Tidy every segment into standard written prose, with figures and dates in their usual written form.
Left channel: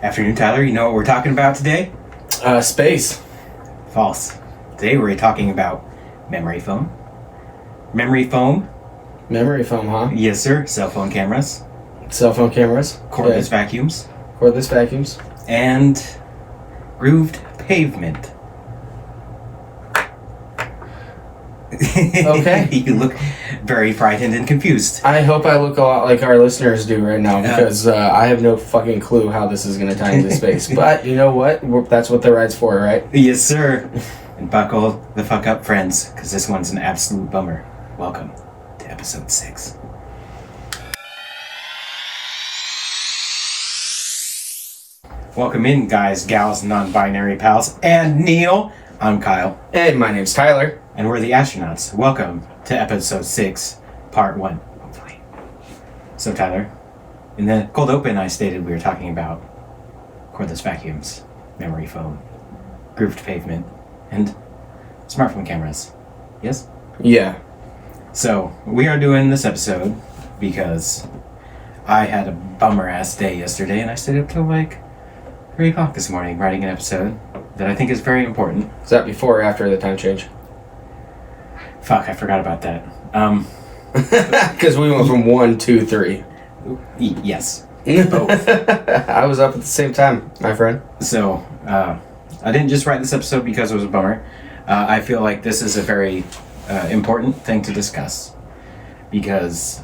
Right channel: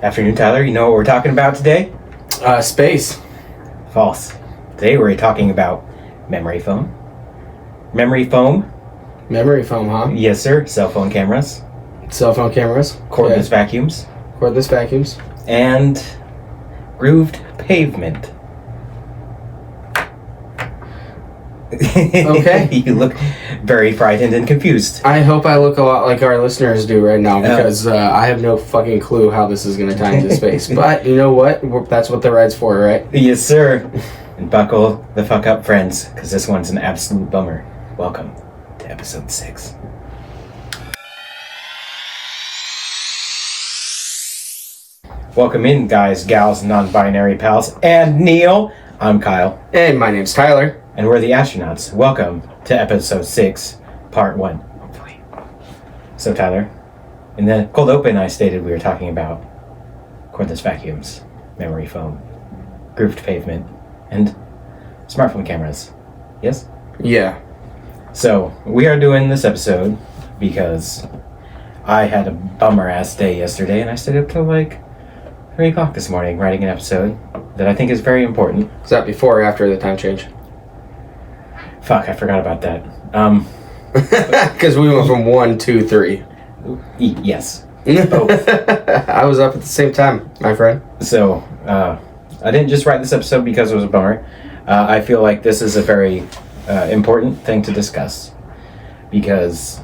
Afternoon, Tyler. You know what we're talking about today? Space. False. Today we're talking about memory foam. Memory foam? Memory foam, huh? Yes, sir. Cell phone cameras. Cell phone cameras. Cordless vacuums. Cordless vacuums. And grooved pavement. Okay. You look very frightened and confused. I hope I look a lot like our listeners do right now because I have no fucking clue how this is going to tie into space. But you know what? That's what the ride's for, right? Yes, sir. And buckle the fuck up, friends, because this one's an absolute bummer. Welcome to episode 6. Welcome in, guys, gals, non-binary pals, and Neil. I'm Kyle. And my name's Tyler. And we're the astronauts. Welcome to episode 6, part 1, hopefully. So, Tyler, in the cold open, I stated we were talking about cordless vacuums, memory foam, grooved pavement, and smartphone cameras. Yes? Yeah. So, we are doing this episode because I had a bummer-ass day yesterday, and I stayed up till like 3 o'clock this morning writing an episode that I think is very important. Is that before or after the time change? Fuck, I forgot about that. Because we went from 1, 2, 3. Yes. Both. I was up at the same time, my friend. So, I didn't just write this episode because it was a bummer. I feel like this is a very important thing to discuss because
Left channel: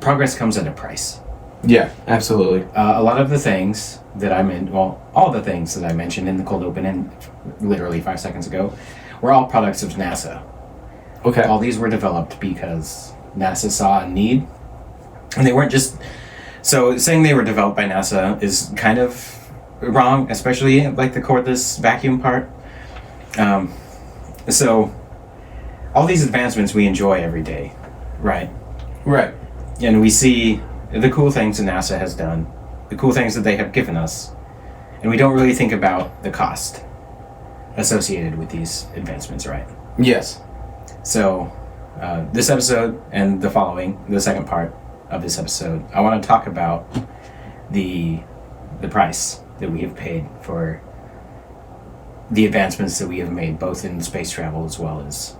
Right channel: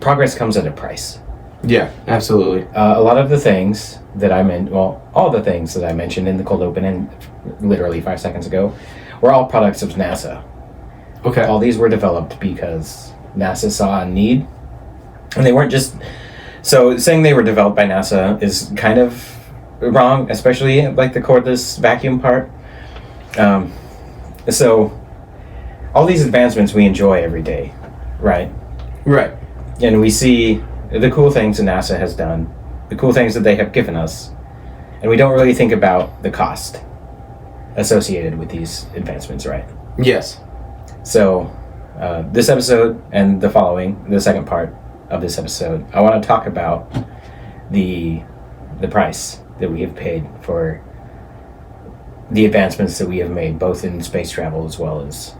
progress comes at a price. Yeah, absolutely. A lot of the things that all the things that I mentioned in the cold open and literally 5 seconds ago were all products of NASA. Okay. All these were developed because NASA saw a need, and they weren't just... So saying they were developed by NASA is kind of wrong, especially like the cordless vacuum part. So all these advancements we enjoy every day, right? Right. And we see the cool things that NASA has done, the cool things that they have given us, and we don't really think about the cost associated with these advancements, right? Yes. So, this episode and the second part of this episode, I want to talk about the price that we have paid for the advancements that we have made, both in space travel as well as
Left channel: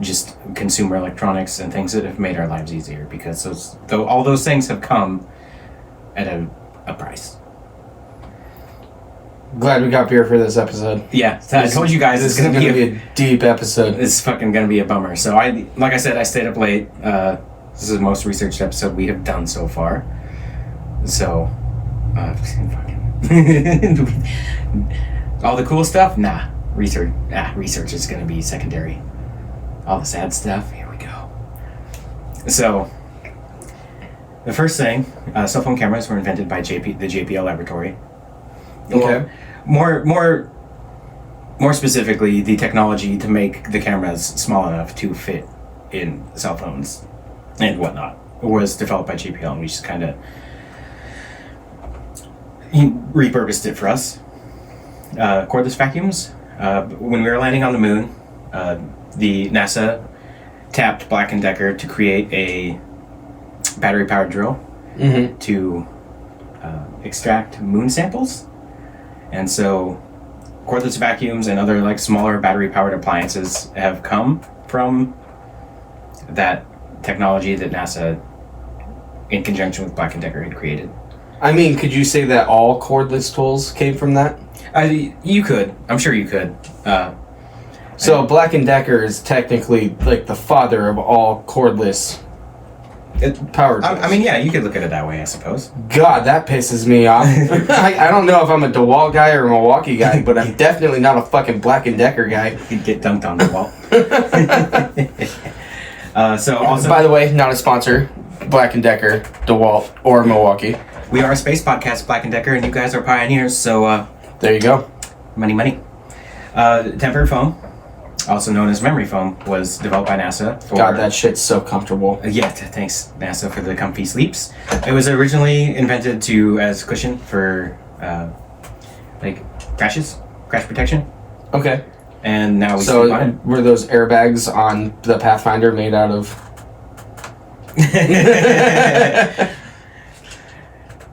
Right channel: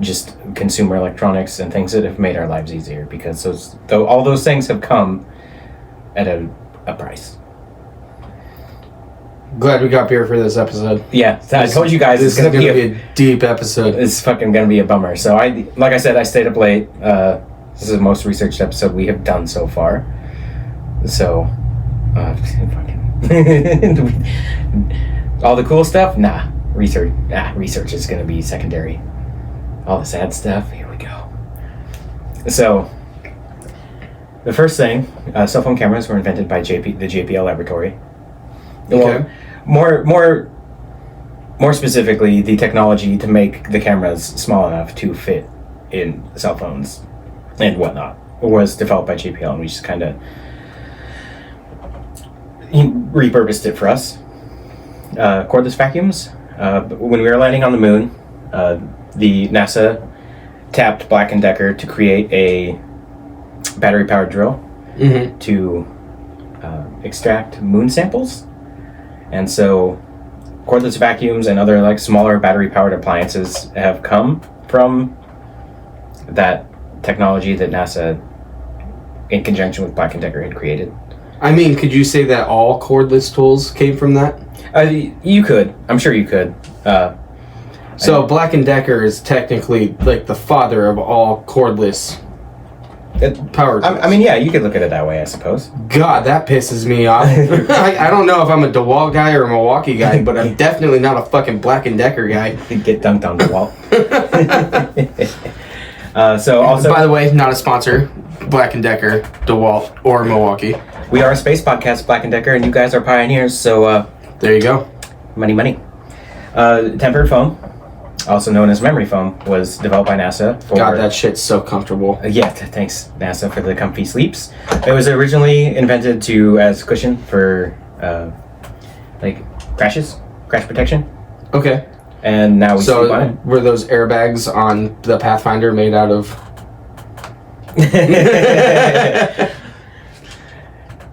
just consumer electronics and things that have made our lives easier, because all those things have come at a price. Glad we got beer for this episode. Yeah, I told you guys this is going to be a deep episode. It's fucking going to be a bummer. So like I said, I stayed up late. This is the most researched episode we have done so far. So, all the cool stuff? Nah. Research is going to be secondary. All the sad stuff? Here we go. So, the first thing, cell phone cameras were invented by the JPL laboratory. Okay. Well, more specifically, the technology to make the cameras small enough to fit in cell phones and whatnot was developed by JPL, and we just kind of repurposed it for us. Cordless vacuums. When we were landing on the moon, the NASA tapped Black & Decker to create a battery-powered drill to extract moon samples. And so cordless vacuums and other like smaller battery-powered appliances have come from that technology that NASA, in conjunction with Black & Decker, had created. I mean, could you say that all cordless tools came from that? You could. I'm sure you could. So Black & Decker is technically like the father of all cordless power tools. I mean, yeah, you could look at it that way, I suppose. God, that pisses me off. I don't know if I'm a DeWalt guy or a Milwaukee guy, but I'm definitely not a fucking Black & Decker guy. You get dunked on the wall. So also, by the way, not a sponsor. Black & Decker, DeWalt, or Milwaukee. We are a space podcast, Black & Decker, and you guys are pioneers, so there you go. Money. Tempered foam, also known as memory foam, was developed by NASA for... God, that shit's so comfortable. Yeah, thanks, NASA, for the comfy sleeps. It was originally invented as cushion for, crash protection. Okay. And now we sleep on it. Were those airbags on the Pathfinder made out of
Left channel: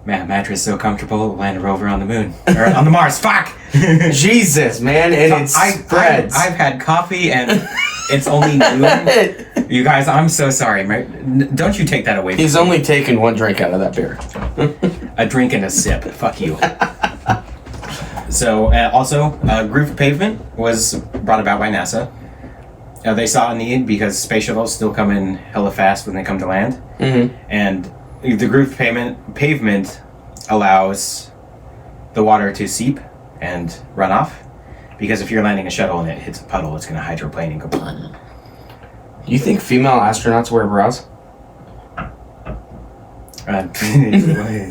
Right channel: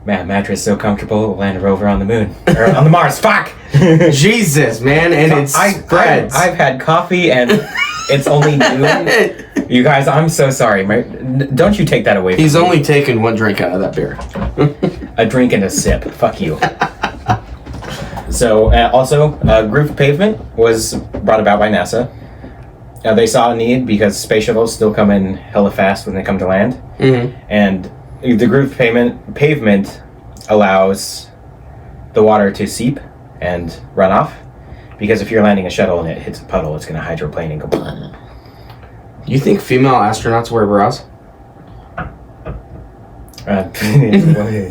mattress so comfortable, Land Rover on the moon. Or on the Mars, fuck! Jesus, man, and it spreads. I've had coffee and it's only noon. You guys, I'm so sorry. Don't you take that away from me. He's only taken one drink out of that beer. A drink and a sip. Fuck you. So, also, grooved pavement was brought about by NASA. They saw a need because space shuttles still come in hella fast when they come to land. Mm-hmm. And the grooved pavement allows the water to seep and run off. Because if you're landing a shuttle and it hits a puddle, it's going to hydroplane and go... You think female astronauts wear bras?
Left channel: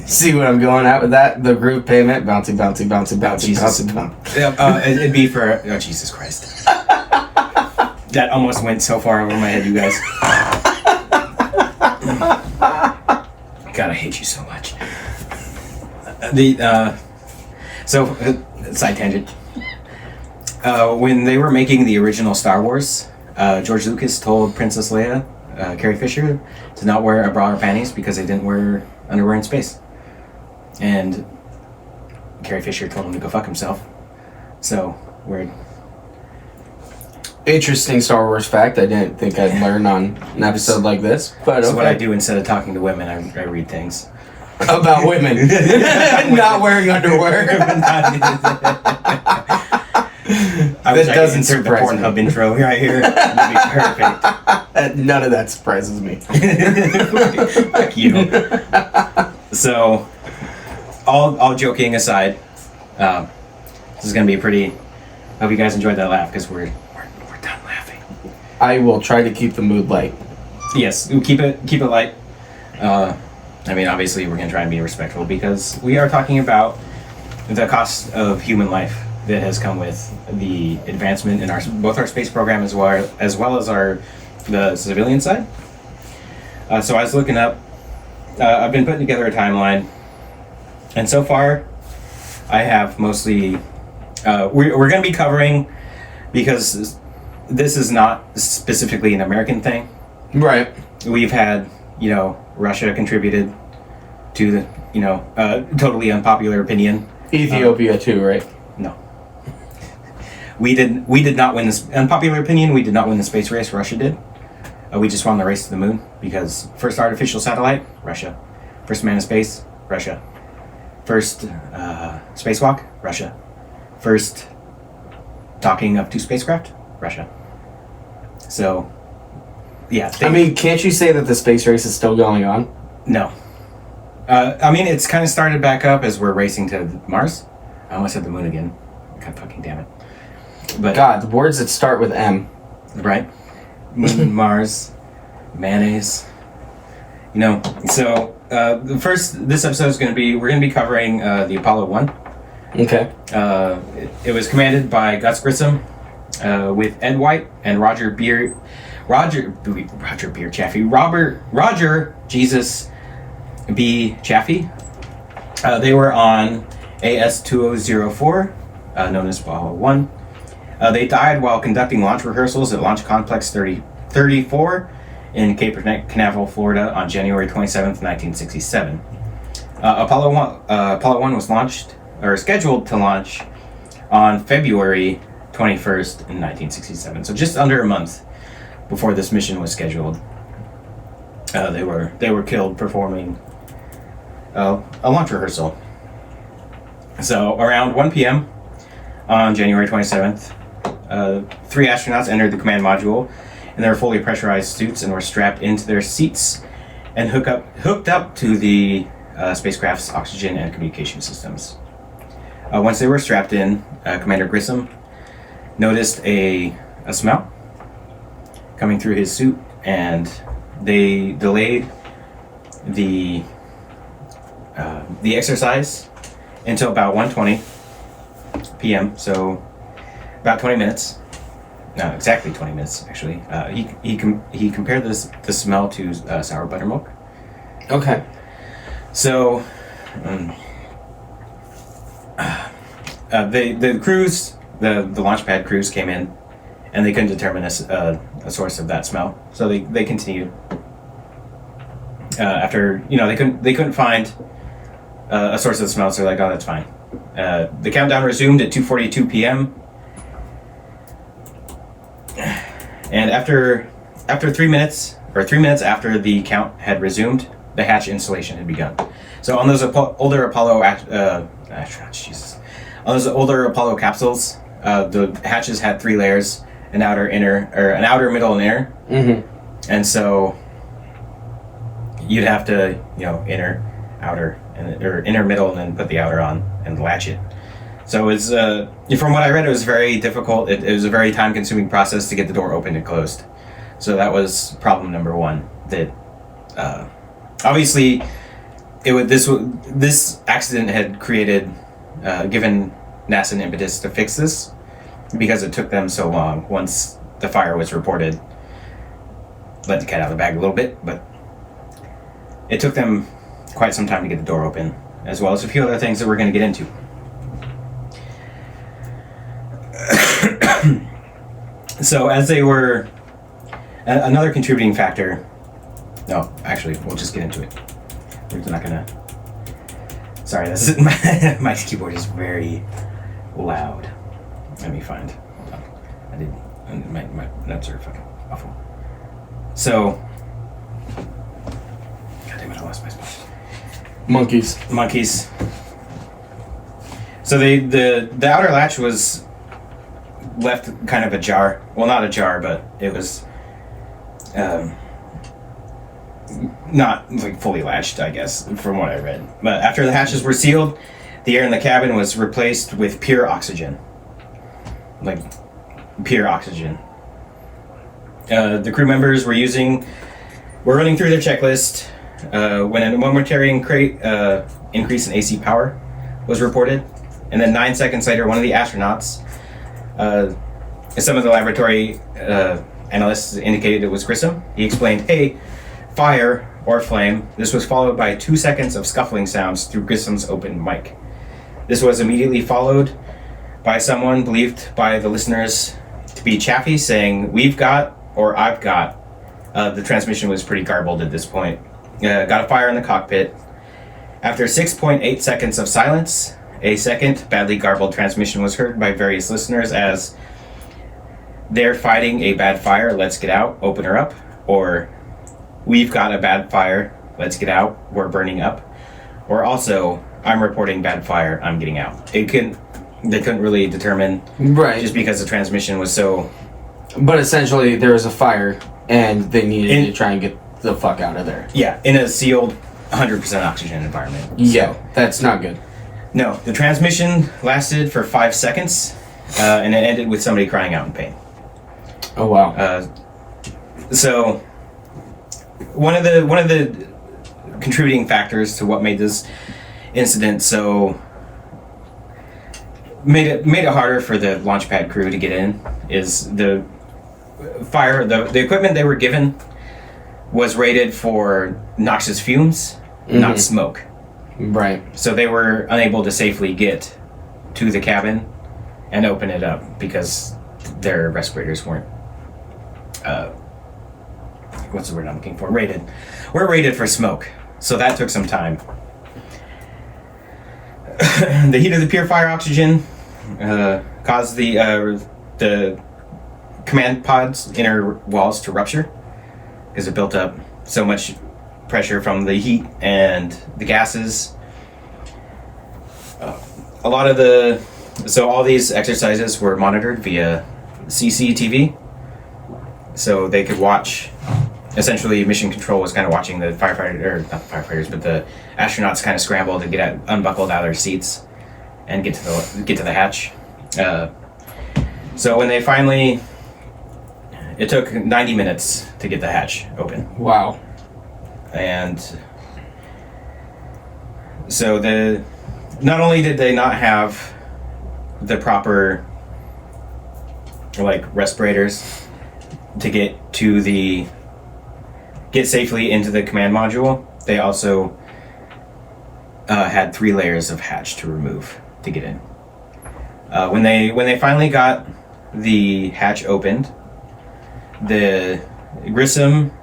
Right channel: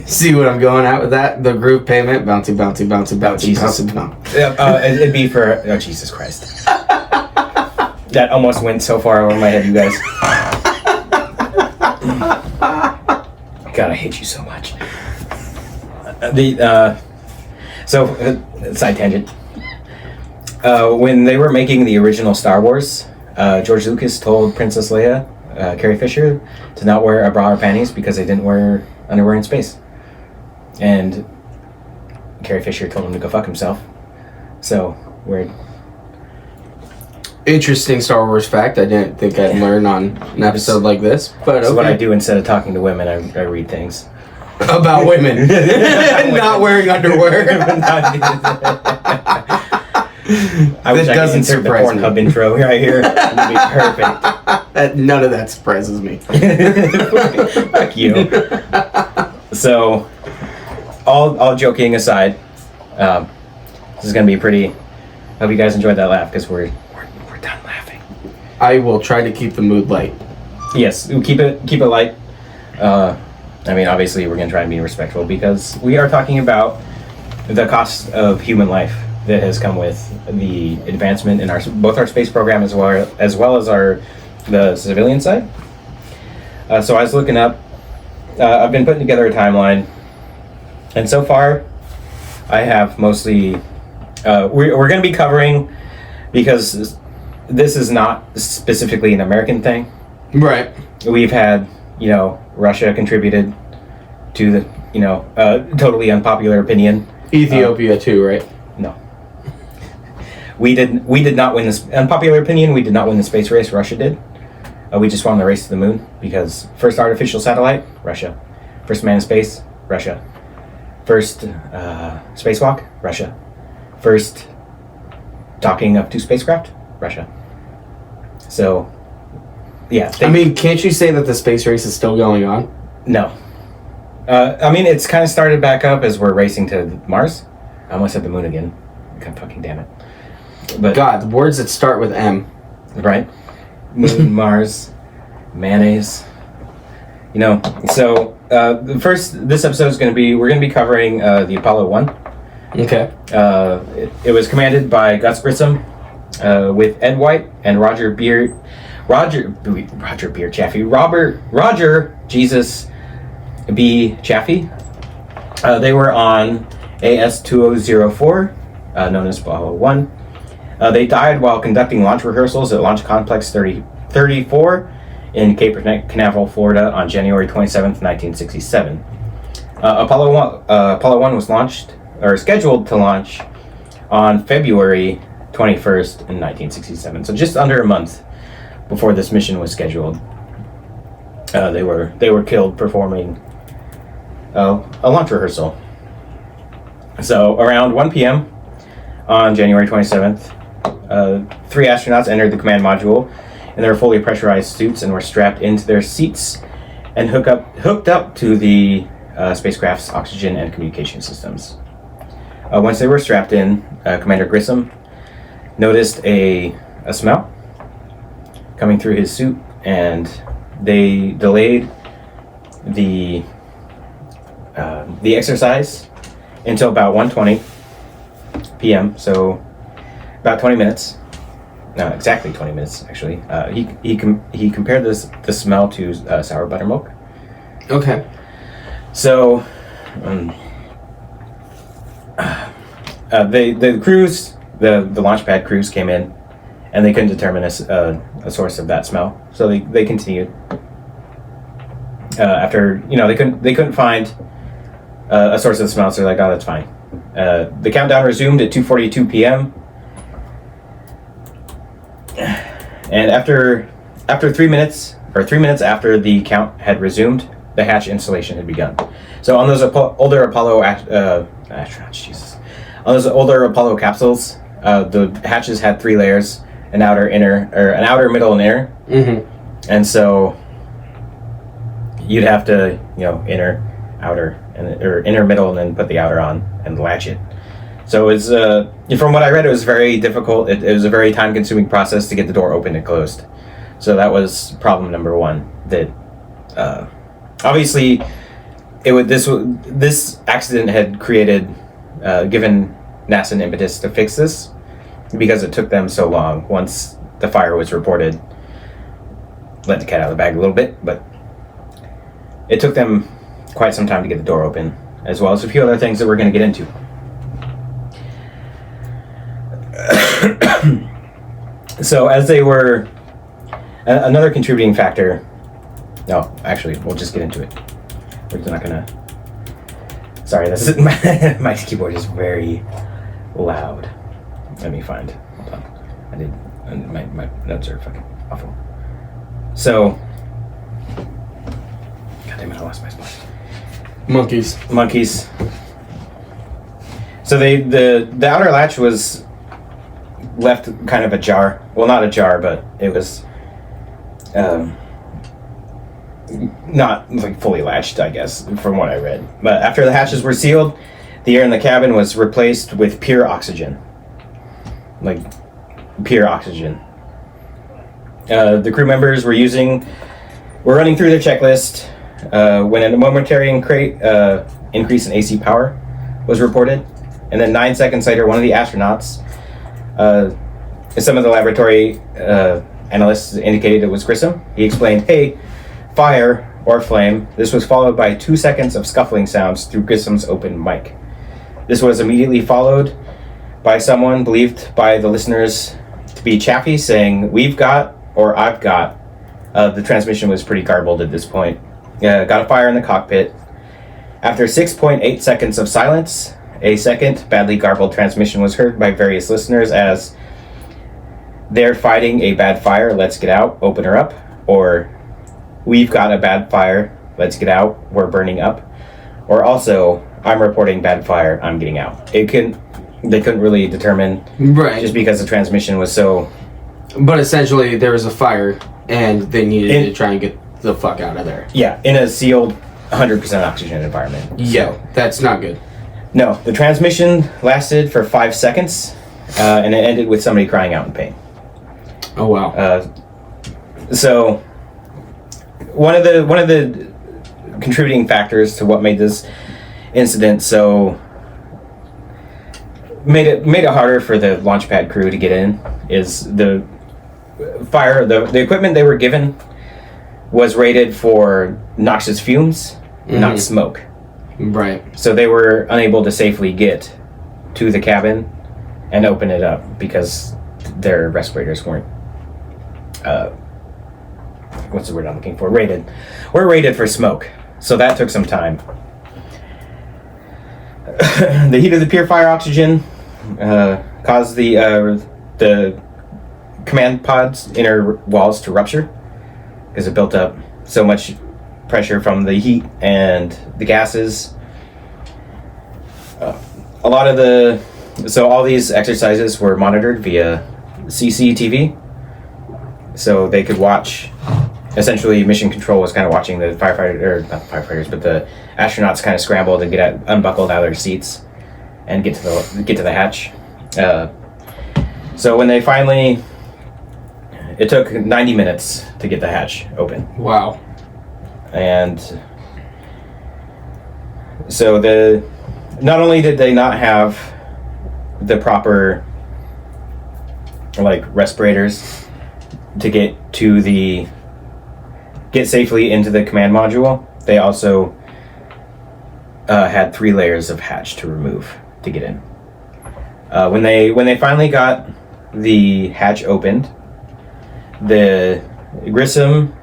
See what I'm going at with that? The groove payment, bouncy, bouncy, bouncy, bouncy, Jesus. bouncy. It'd be for... Oh, Jesus Christ. That almost went so far over my head, you guys. God, I hate you so much. Side tangent. When they were making the original Star Wars, George Lucas told Princess Leia, Carrie Fisher, to not wear a bra or panties because they didn't wear underwear in space. And Carrie Fisher told him to go fuck himself. So, weird. Interesting Star Wars fact I didn't think I'd learn on an episode like this, but That's okay. what I do instead of talking to women. I read things. About women. Not wearing underwear. I wish That I could doesn't insert the surprise Pornhub me. intro right here. It'd be perfect. None of that surprises me. Fuck you. So, all joking aside, this is gonna be pretty. Hope you guys enjoyed that laugh because we're done laughing. I will try to keep the mood light. Yes, we'll keep it light. I mean, obviously, we're gonna try and be respectful because we are talking about the cost of human life that has come with the advancement in both our space program as well as the civilian side. So I was looking up. I've been putting together a timeline, and so far, I have mostly. We're going to be covering, because this is not specifically an American thing. Right. We've had, Russia contributed to the, totally unpopular opinion. Ethiopia too, right? No. We did not win this unpopular opinion. We did not win the space race. Russia did. We just won the race to the moon because first artificial satellite, Russia. First man in space, Russia. First spacewalk, Russia. First docking of 2 spacecraft, Russia. So, yeah. I mean, can't you say that the space race is still going on? No. I mean, it's kind of started back up as we're racing to Mars. I almost said the moon again. God fucking damn it. But God, the words that start with M. Right? Moon, Mars, mayonnaise. So this episode is we're going to be covering the Apollo 1. Okay. It was commanded by Gus Grissom with Ed White and Roger Jesus B. Chaffee. They were on AS-2004, known as Apollo 1. They died while conducting launch rehearsals at Launch Complex 34 in Cape Canaveral, Florida on January 27th, 1967. Apollo 1 was scheduled to launch on February 21st in 1967. So just under a month before this mission was scheduled, they were killed performing a launch rehearsal. So around 1 p.m. on January 27th, 3 astronauts entered the command module in their fully pressurized suits and were strapped into their seats and hooked up to the spacecraft's oxygen and communication systems. Once they were strapped in, Commander Grissom noticed a smell coming through his suit, and they delayed the exercise until about 1:20 p.m. So about 20 minutes. No, exactly 20 minutes actually. He compared the smell to sour buttermilk. Okay. So the crews, the launch pad crews came in, and they couldn't determine a source of that smell. So they continued. After they couldn't find a source of the smell, so they're like, oh, that's fine. The countdown resumed at 2:42 p.m. And after 3 minutes, or 3 minutes after the count had resumed, the hatch installation had begun. So on those older Apollo astronauts, Jesus, on those older Apollo capsules, the hatches had 3 layers: an outer, middle, and inner. Mm-hmm. And so you'd have to, inner, outer, or inner, middle, and then put the outer on and latch it. So it's from what I read, it was very difficult. It was a very time-consuming process to get the door open and closed. So that was problem number 1. That obviously this accident had given NASA an impetus to fix this, because it took them so long. Once the fire was reported, let the cat out of the bag a little bit, but it took them quite some time to get the door open, as well as a few other things that we're going to get into. So as they were, another contributing factor, no, actually, we'll just get into it. We're not going to, sorry, this is, my keyboard is very loud. Let me find, hold on, my notes are fucking awful. So, God damn it, I lost my spot. Monkeys. So the outer latch was left kind of ajar. Well, not ajar, but it was not like fully latched, I guess, from what I read. But after the hatches were sealed, the air in the cabin was replaced with pure oxygen. Like, pure oxygen. The crew members were running through their checklist when a momentary increase in AC power was reported. And then 9 seconds later, one of the astronauts, some of the laboratory analysts indicated it was Grissom. He explained, hey, fire or flame. This was followed by 2 seconds of scuffling sounds through Grissom's open mic. This was immediately followed by someone believed by the listeners to be Chaffee saying, we've got, or I've got. The transmission was pretty garbled at this point. Got a fire in the cockpit. After 6.8 seconds of silence, a second badly garbled transmission was heard by various listeners as, they're fighting a bad fire, let's get out, open her up, or we've got a bad fire, let's get out, we're burning up, or also, I'm reporting bad fire, I'm getting out. They couldn't really determine, right? Just because the transmission was so. But essentially, there was a fire, and they needed to try and get the fuck out of there. Yeah, in a sealed, 100% oxygen environment. Yeah, that's not good. No, the transmission lasted for 5 seconds, and it ended with somebody crying out in pain. Oh wow. So, one of the contributing factors to what made this incident so made it harder for the launch pad crew to get in is the fire. The equipment they were given was rated for noxious fumes, not smoke. Right. So they were unable to safely get to the cabin and open it up because their respirators weren't what's the word I'm looking for? Were rated for smoke. So that took some time. The heat of the pure fire oxygen caused the command pod's inner walls to rupture because it built up so much pressure from the heat and the gases. So all these exercises were monitored via CCTV, so they could watch. Essentially, Mission Control was kind of watching the not firefighters, but the astronauts kind of scramble to get unbuckled out of their seats and get to the hatch. So when they finally, it took 90 minutes to get the hatch open. Wow. And so not only did they not have the proper respirators to get safely into the command module, they also had 3 layers of hatch to remove to get in. When they finally got the hatch opened, the Grissom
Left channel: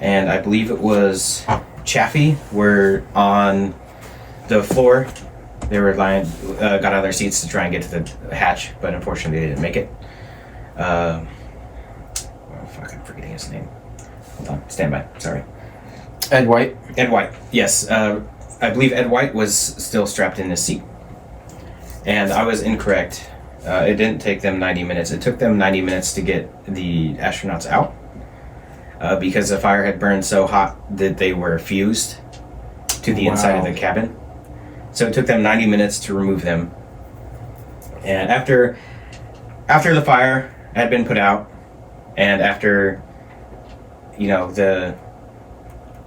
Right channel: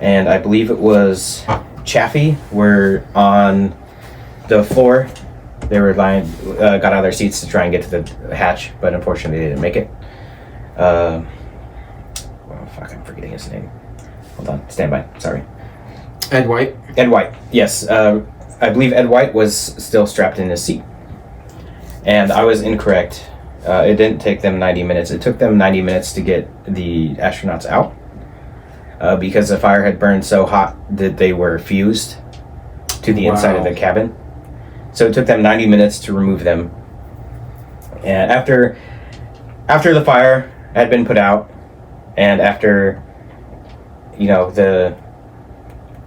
and I believe it was Chaffee were on the floor. They were got out of their seats to try and get to the hatch, but unfortunately they didn't make it. Oh fuck, I'm forgetting his name. Hold on, stand by. Sorry. Ed White. Ed White. Yes, I believe Ed White was still strapped in his seat, and I was incorrect. It didn't take them 90 minutes. It took them 90 minutes to get the astronauts out because the fire had burned so hot that they were fused to the inside of the cabin. So it took them 90 minutes to remove them. And after the fire had been put out, and after the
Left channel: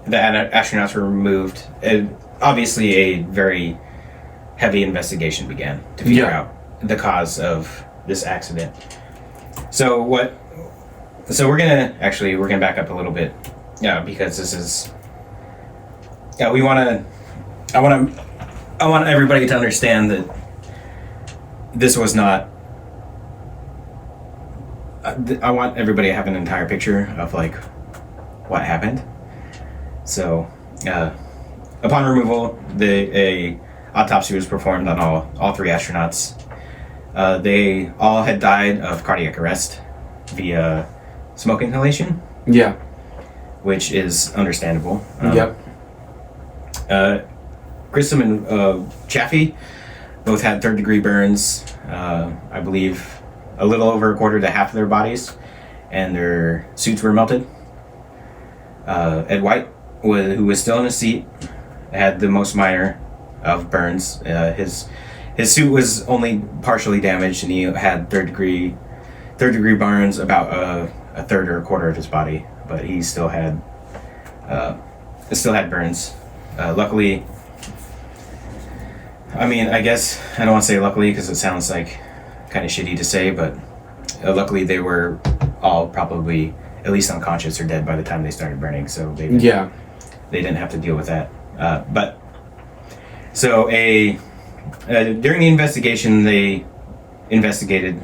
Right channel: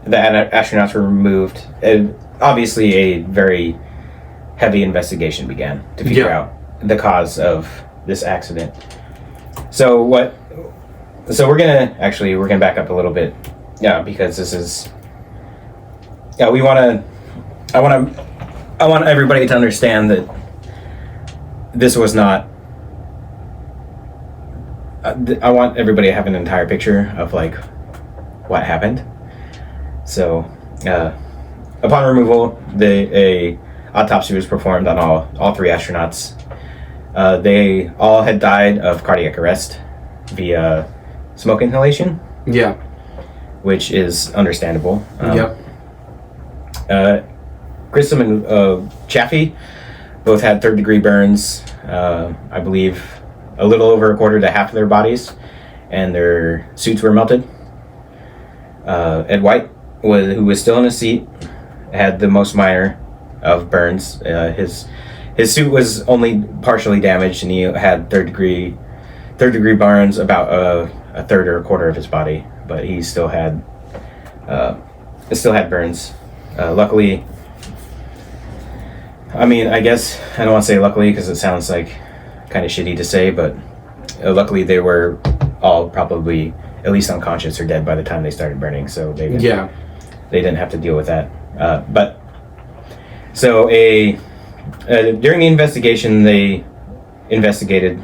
astronauts were removed, and obviously a very heavy investigation began to figure out the cause of this accident. So we're gonna back up a little bit, because this is I want everybody to understand that this was not. I want everybody to have an entire picture of like what happened. So, upon removal, a autopsy was performed on all three astronauts. They all had died of cardiac arrest via smoke inhalation. Yeah. Which is understandable. Yep. Grissom and Chaffee both had third-degree burns. I believe a little over a quarter to half of their bodies, and their suits were melted. Ed White, who was still in his seat, had the most minor of burns. His suit was only partially damaged, and he had third degree burns about a third or a quarter of his body, but he still had burns. Luckily, I guess I don't want to say luckily because it sounds like kind of shitty to say, but luckily they were all probably at least unconscious or dead by the time they started burning, so they didn't have to deal with that. But so during the investigation, they investigated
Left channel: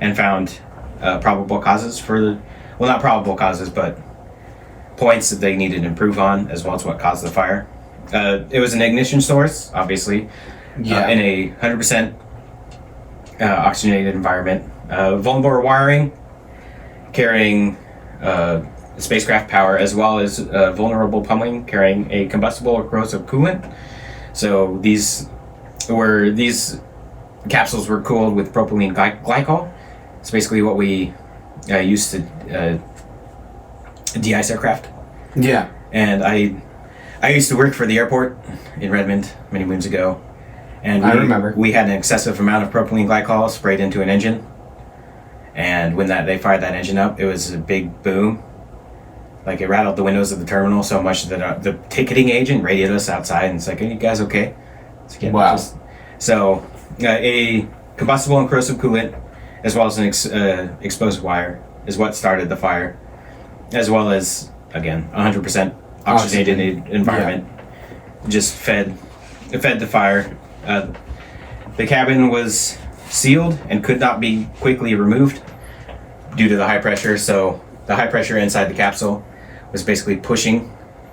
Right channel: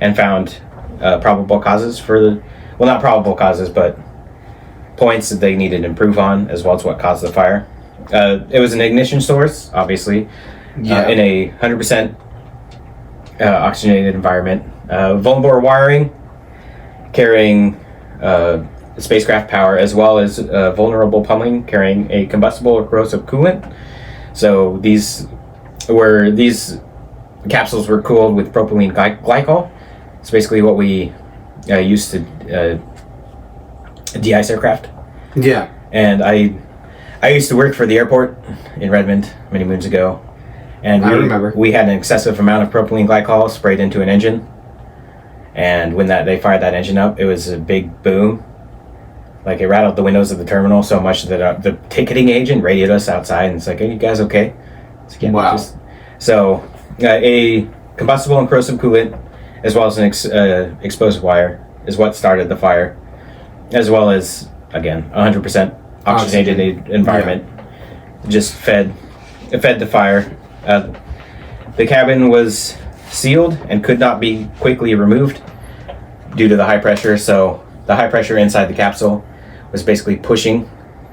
and found probable causes not probable causes, but points that they needed to improve on, as well as what caused the fire. It was an ignition source, obviously, in a 100% oxygenated environment. Vulnerable wiring carrying spacecraft power, as well as vulnerable plumbing carrying a combustible or corrosive coolant. So these capsules were cooled with propylene glycol. It's basically what we use to de-ice aircraft. Yeah. And I used to work for the airport in Redmond many moons ago, and I remember we had an excessive amount of propylene glycol sprayed into an engine. And when they fired that engine up, it was a big boom. Like, it rattled the windows of the terminal so much that the ticketing agent radioed us outside and it's like, "Are you guys okay?" Wow. A combustible and corrosive coolant, as well as an exposed wire, is what started the fire, as well as, again, 100% oxygenated environment. Just fed the fire. The cabin was sealed and could not be quickly removed due to the high pressure. So the high pressure inside the capsule was basically pushing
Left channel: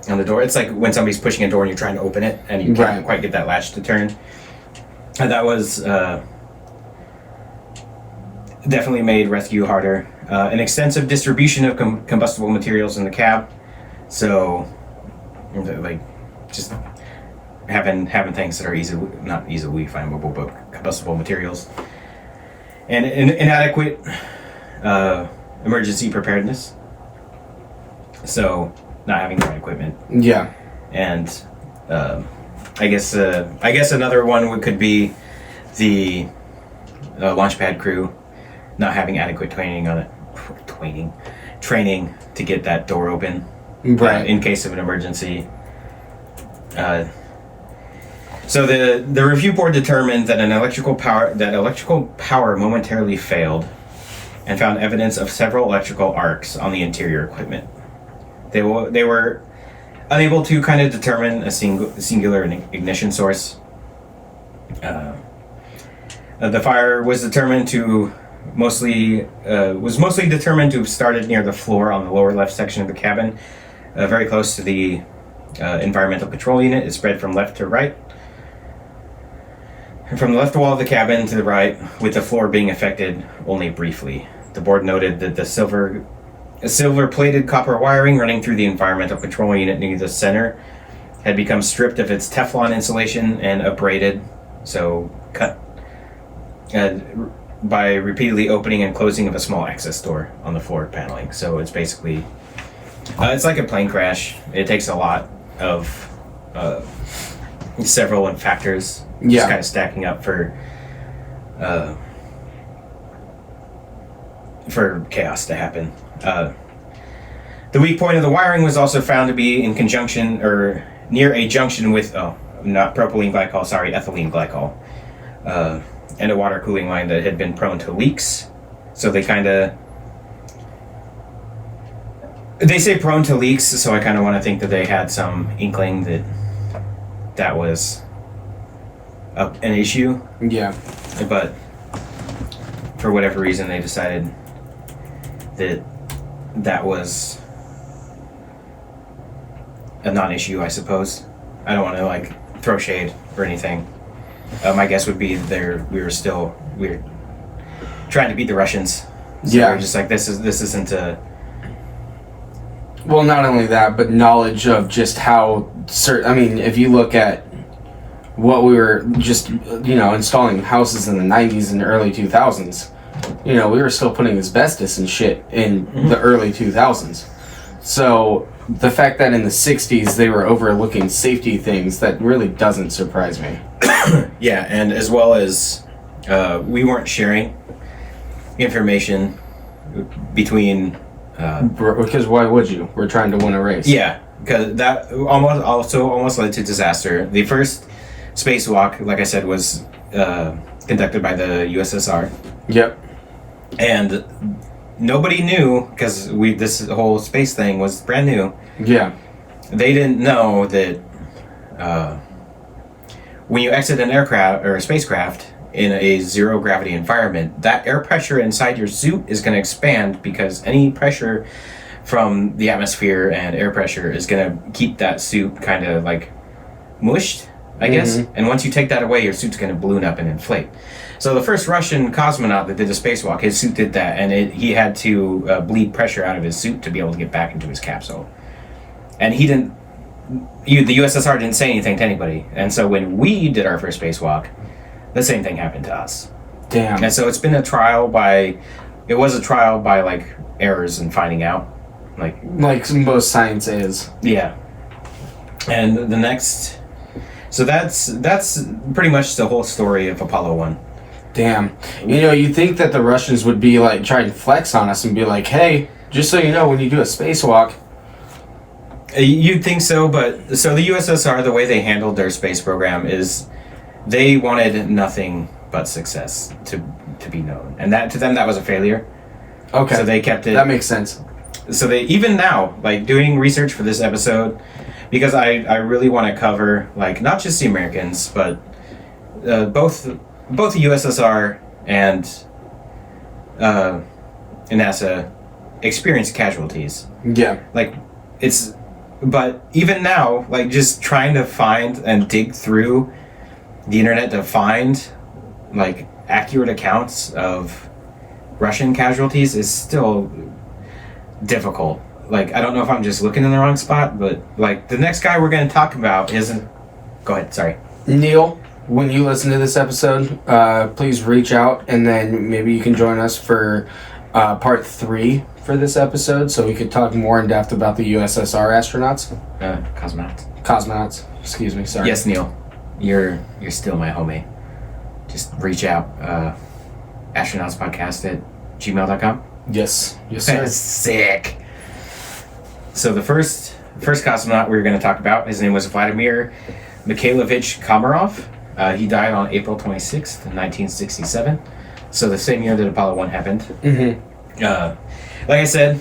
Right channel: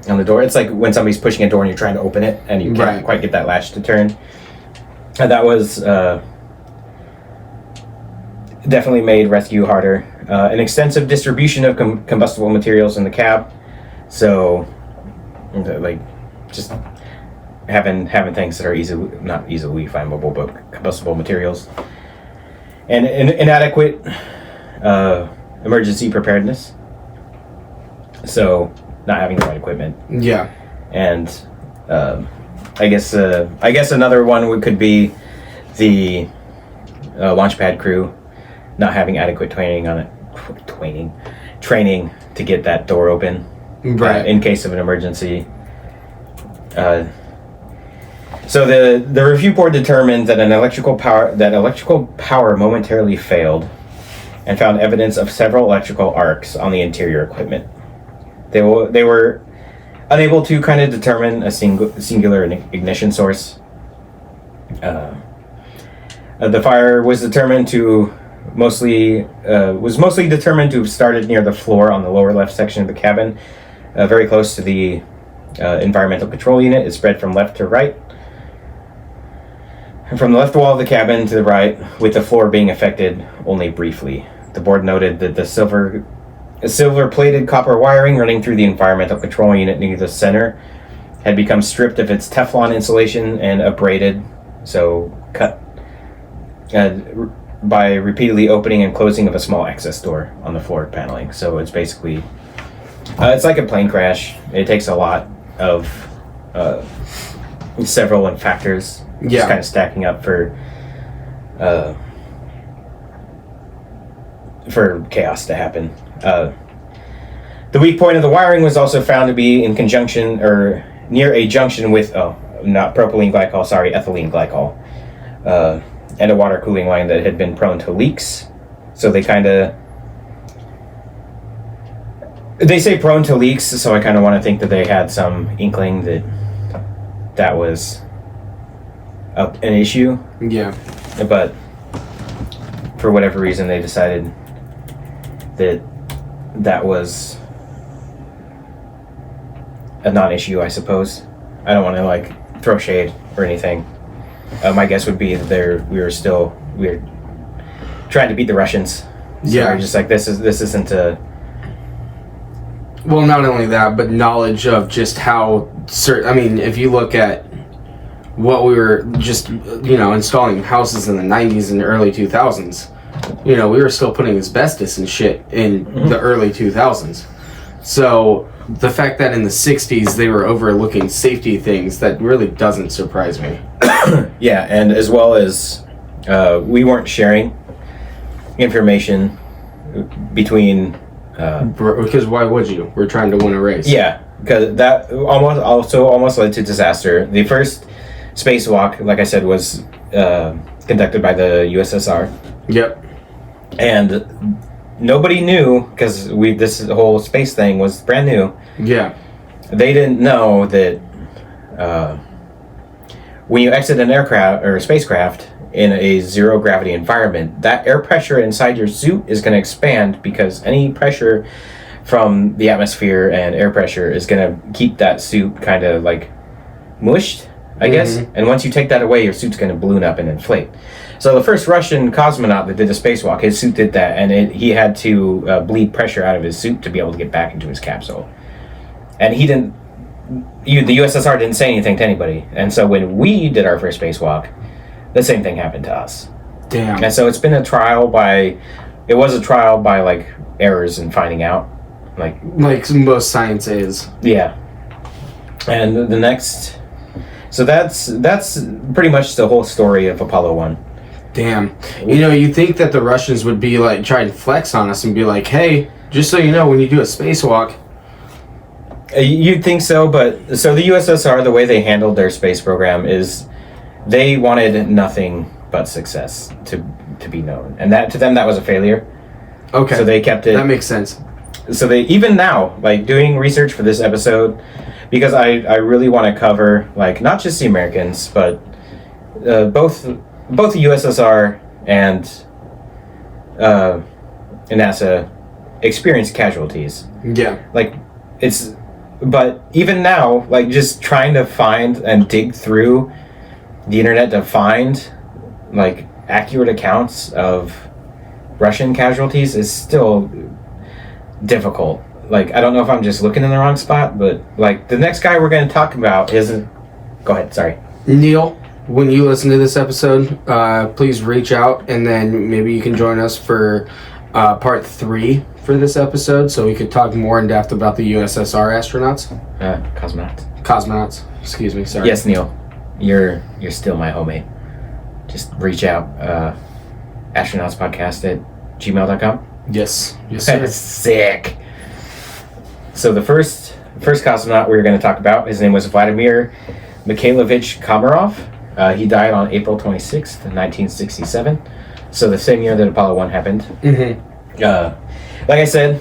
on the door. It's like when somebody's pushing a door and you're trying to open it and you can't quite get that latch to turn. And that was definitely made rescue harder. An extensive distribution of combustible materials in the cab. So just having things that are not easily flammable, but combustible materials. And inadequate emergency preparedness. So not having the right equipment. Yeah. And I guess another one could be the launch pad crew not having adequate training to get that door open. Right. In case of an emergency. So the review board determined that electrical power momentarily failed, and found evidence of several electrical arcs on the interior equipment. They were unable to kind of determine a singular ignition source. The fire was mostly determined to have started near the floor on the lower left section of the cabin, very close to the environmental control unit. It spread from left to right, From the left wall of the cabin to the right, with the floor being affected only briefly. The board noted that the silver-plated copper wiring running through the environmental control unit near the center had become stripped of its Teflon insulation and abraded, so cut by repeatedly opening and closing of a small access door on the floor paneling. So it's basically, it's like a plane crash. It takes a lot of several factors. Just kind of stacking up for chaos to happen. The weak point of the wiring was also found to be in conjunction or near a junction with not propylene glycol, sorry, ethylene glycol, and a water cooling line that had been prone to leaks. So they say prone to leaks, so I kind of want to think that they had some inkling that was an issue. Yeah. But for whatever reason, they decided that was a non-issue, I suppose. I don't want to throw shade or anything. My guess would be that we were trying to beat the Russians. So we're just like, this isn't a... Well, not only that, but knowledge of just how if you look at what we were just, installing houses in the 90s and early 2000s, we were still putting asbestos and shit in the early 2000s. So the fact that in the 60s they were overlooking safety things, that really doesn't surprise me. Yeah, and as well as we weren't sharing information between... because why would you? We're trying to win a race. Yeah, because that almost led to disaster. The first spacewalk, like I said, was conducted by the USSR. Yep. And nobody knew, because this whole space thing was brand new. Yeah. They didn't know that when you exit an aircraft or a spacecraft in a zero gravity environment, that air pressure inside your suit is going to expand, because any pressure from the atmosphere and air pressure is going to keep that suit kind of mushed, I guess. And once you take that away, your suit's going to balloon up and inflate. So the first Russian cosmonaut that did the spacewalk, his suit did that, and he had to bleed pressure out of his suit to be able to get back into his capsule. And he didn't... the USSR didn't say anything to anybody. And so when we did our first spacewalk, the same thing happened to us. Damn. And so it's been a trial by... It was a trial by, errors and finding out. Like most science is. Yeah. And the next... So that's pretty much the whole story of Apollo 1. Damn. You'd think that the Russians would be trying to flex on us and be like, hey, just so you know, when you do a spacewalk. You'd think so, but so the USSR, the way they handled their space program is they wanted nothing but success to be known. And that to them, that was a failure. Okay. So they kept it. That makes sense. So they, even now, doing research for this episode, because I really want to cover, not just the Americans, but both the USSR and NASA experienced casualties. Yeah. But even now, just trying to find and dig through the internet to find, accurate accounts of Russian casualties is still difficult. I don't know if I'm just looking in the wrong spot, but, the next guy we're going to talk about is... Go ahead, sorry. Neil, when you listen to this episode, please reach out, and then maybe you can join us for part 3 for this episode, so we could talk more in depth about the USSR astronauts. Cosmonauts. Excuse me, sorry. Yes, Neil. You're still my homie. Just reach out. Astronautspodcast@gmail.com. Yes, sir. Sick. So the first cosmonaut we were going to talk about, his name was Vladimir Mikhailovich Komarov. He died on April 26th, 1967. So the same year that Apollo 1 happened. Mm-hmm. Like I said,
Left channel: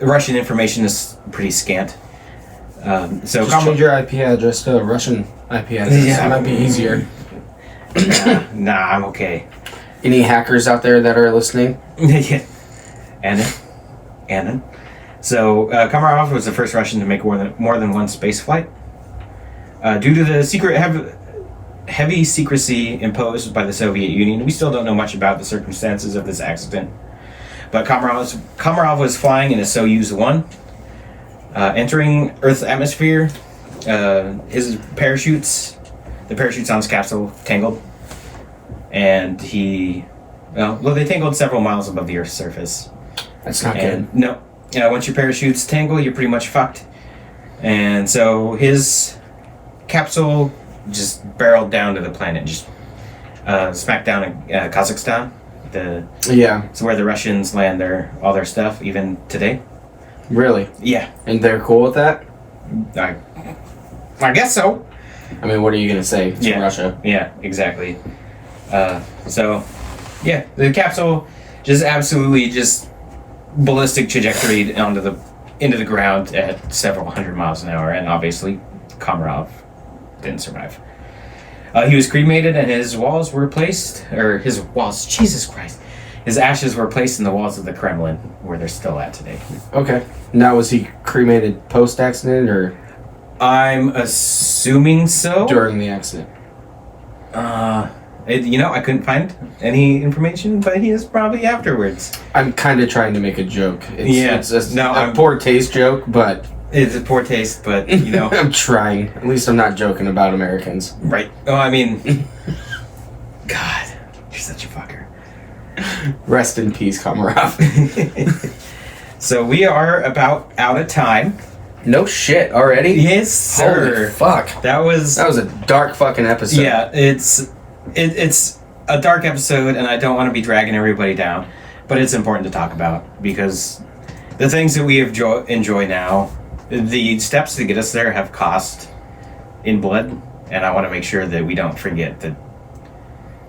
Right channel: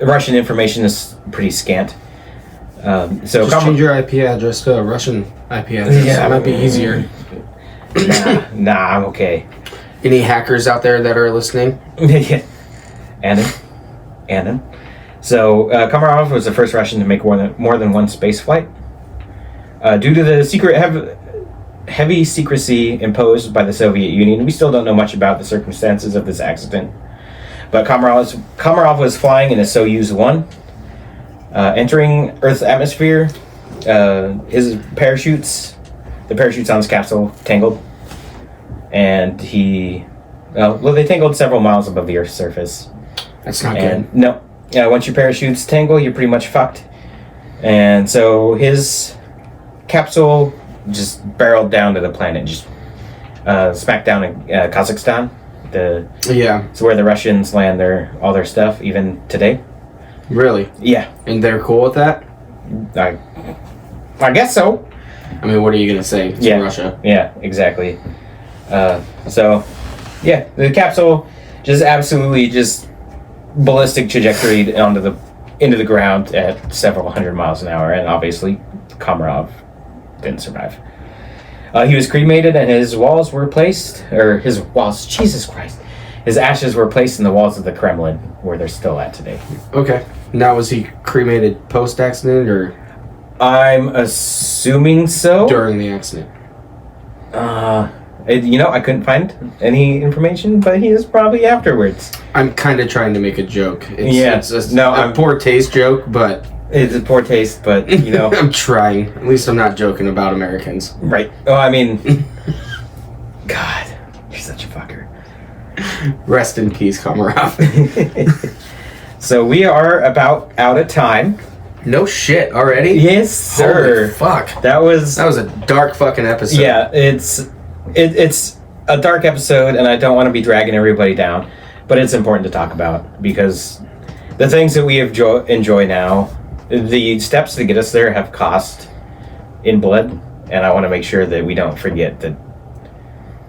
Russian information is pretty scant. So just change your IP address to a Russian IP address. Yeah, it might be easier. Nah, I'm okay. Any hackers out there that are listening? Yeah. Annan. So Komarov was the first Russian to make more than one space flight. Due to the secret heavy secrecy imposed by the Soviet Union. We still don't know much about the circumstances of this accident. But Komarov was flying in a Soyuz 1, entering Earth's atmosphere. His parachutes, the parachutes on his capsule, tangled. And they tangled several miles above the Earth's surface. That's not And good. no, yeah, once your parachutes tangle, you're pretty much fucked. And so his capsule just barreled down to the planet, just smacked down in Kazakhstan. Yeah, It's where the Russians land all their stuff, even today. really. Yeah, And they're cool with that? I guess so. I mean, what are you going to say? It's Yeah. Russia. Yeah, exactly. So, yeah, the capsule just absolutely just ballistic trajectory into the ground at several hundred miles an hour, and obviously Komarov didn't survive. He was cremated, and his ashes were placed in the walls of the Kremlin, where they're still at today. Okay. Now, was he cremated post-accident or I'm assuming so. during the accident? I couldn't find any information, but he is probably afterwards. I'm kind of trying to make a joke. Yeah. It's a No, poor taste joke, but It's a poor taste, but, I'm trying. At least I'm not joking about Americans. right. Oh, I mean, God, you're such a fucker. Rest in peace, Komarov. So we are about out of time. No shit, already? Yes, sir. Holy fuck. That was a dark fucking episode. yeah. It's a dark episode, and I don't want to be dragging everybody down, but it's important to talk about because the things that we enjoy now, the steps to get us there have cost in blood, and I want to make sure that we don't forget that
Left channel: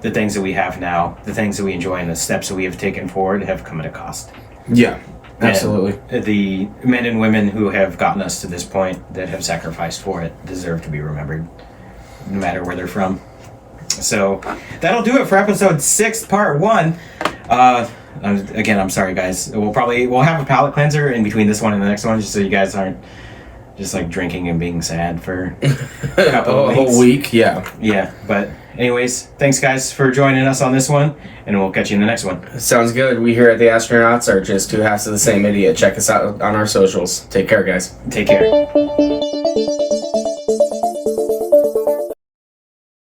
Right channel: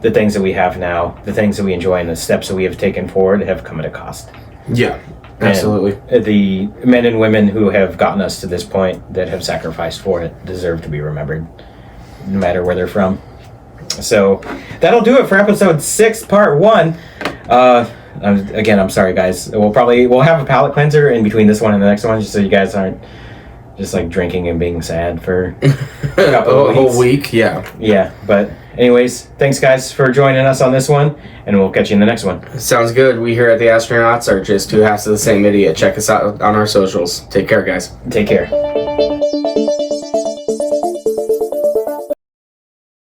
the things that we have now, the things that we enjoy, and the steps that we have taken forward have come at a cost. Yeah, absolutely. And the men and women who have gotten us to this point, that have sacrificed for it, deserve to be remembered, no matter where they're from. So that'll do it for episode 6, part 1. I'm sorry, guys. We'll have a palate cleanser in between this one and the next one, just so you guys aren't just like drinking and being sad for a couple of whole weeks. week, yeah. Yeah, but anyways, thanks guys for joining us on this one, and we'll catch you in the next one. Sounds good. We here at the Astronauts are just two halves of the same idiot. Check us out on our socials. Take care, guys. Take care.